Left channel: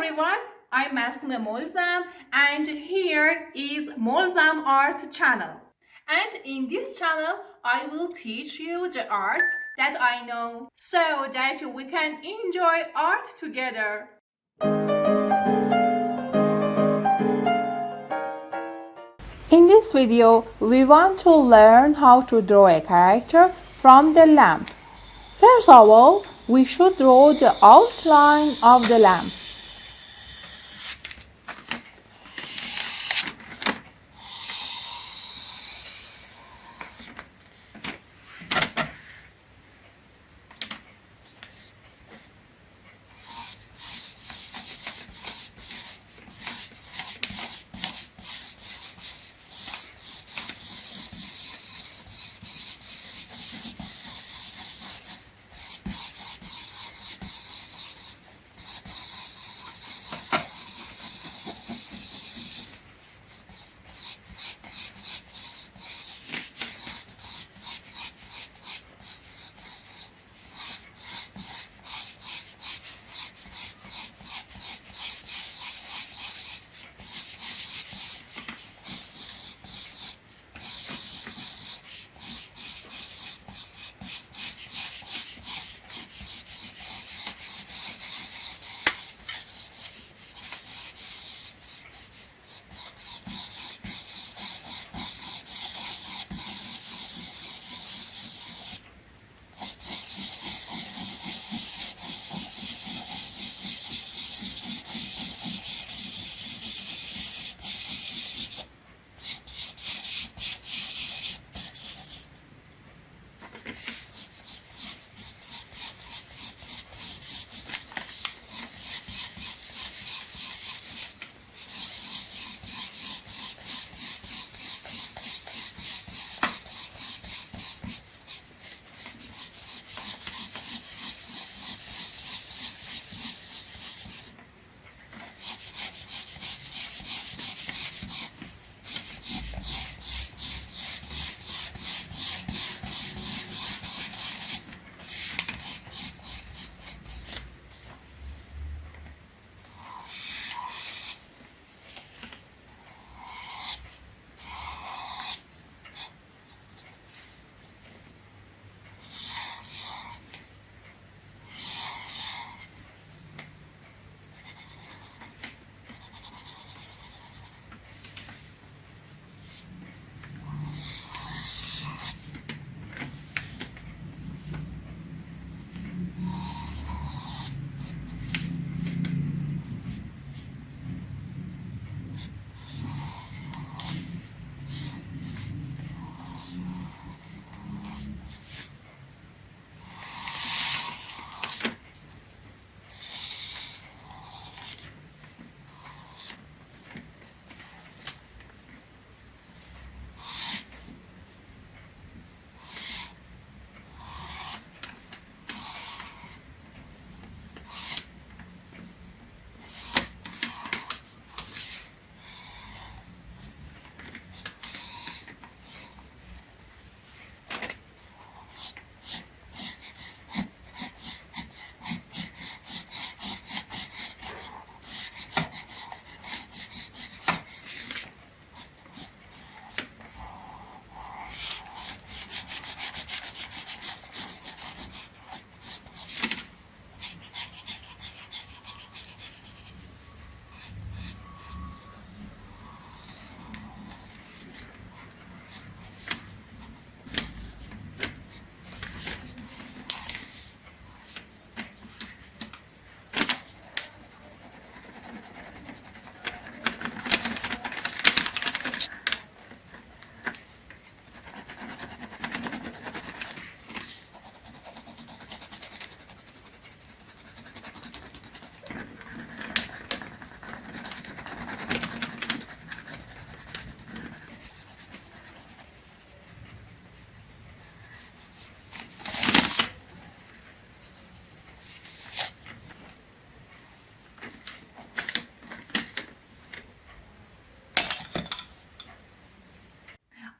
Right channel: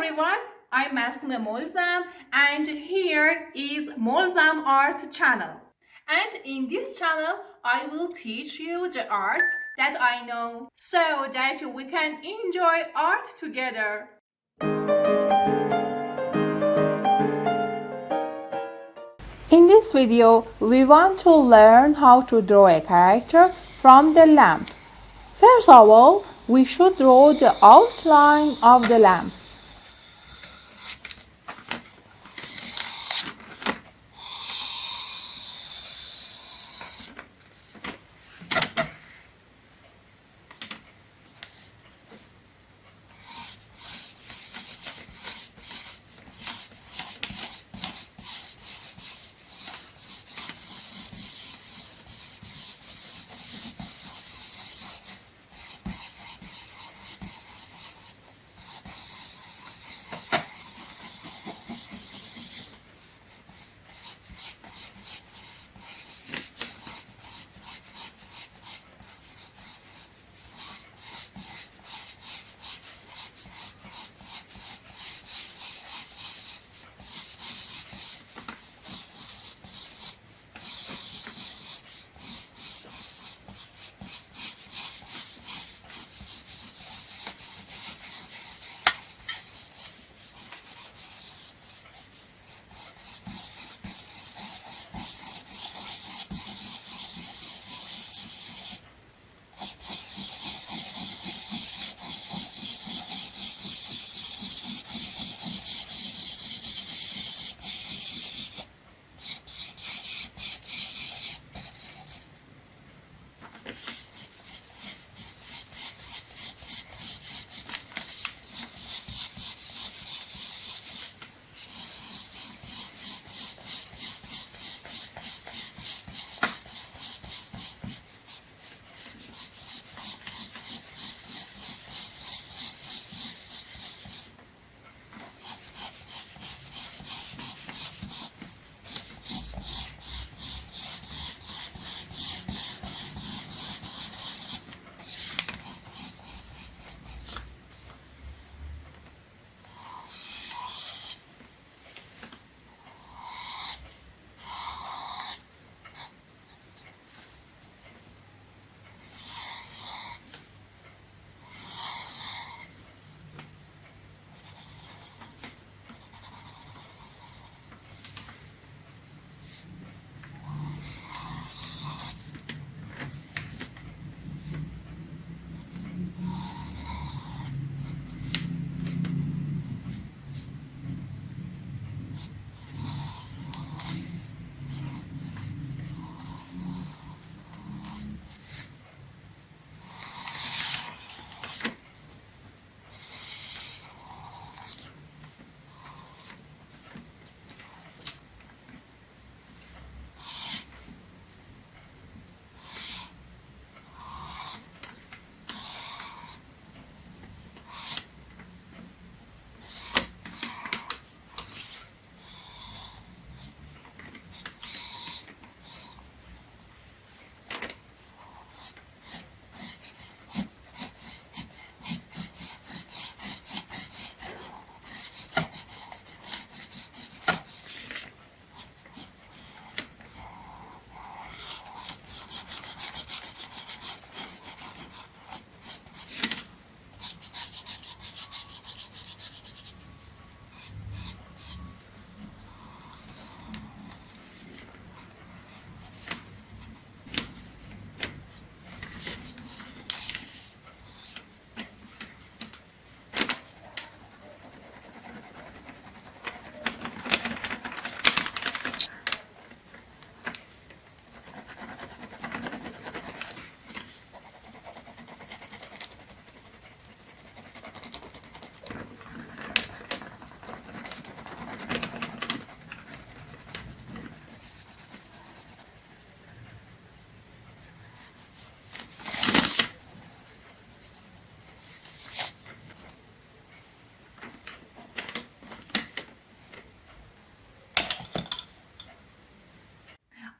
everyone, I'm Masuma Molzam and here is Molzam Art channel. And in this channel, I will teach you the arts that I know so that we can enjoy art together. In this video, we want to learn how to draw a character from the lamp. First of all, we should draw the outline of the lamp.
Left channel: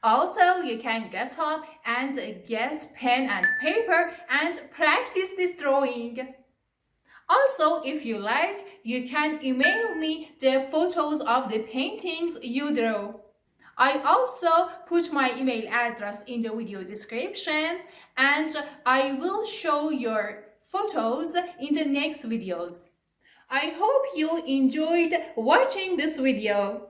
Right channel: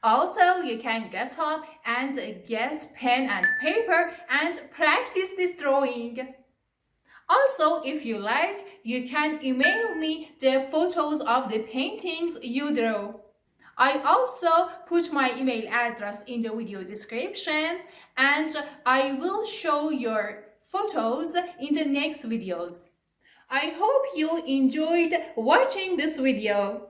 Also, you can get up and get pen and paper and practice this drawing. Also, if you like, you can email me the photos of the paintings you drew. I also put my email address in the video description, and I will show your photos in the next videos. I hope you enjoyed watching this video.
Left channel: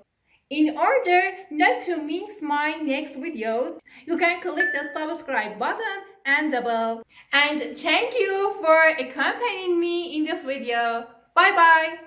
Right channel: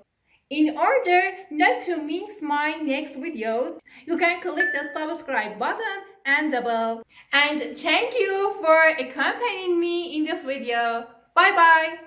In order not to miss my next videos, you can click the subscribe button and the bell. And thank you for accompanying me in this video. Bye bye.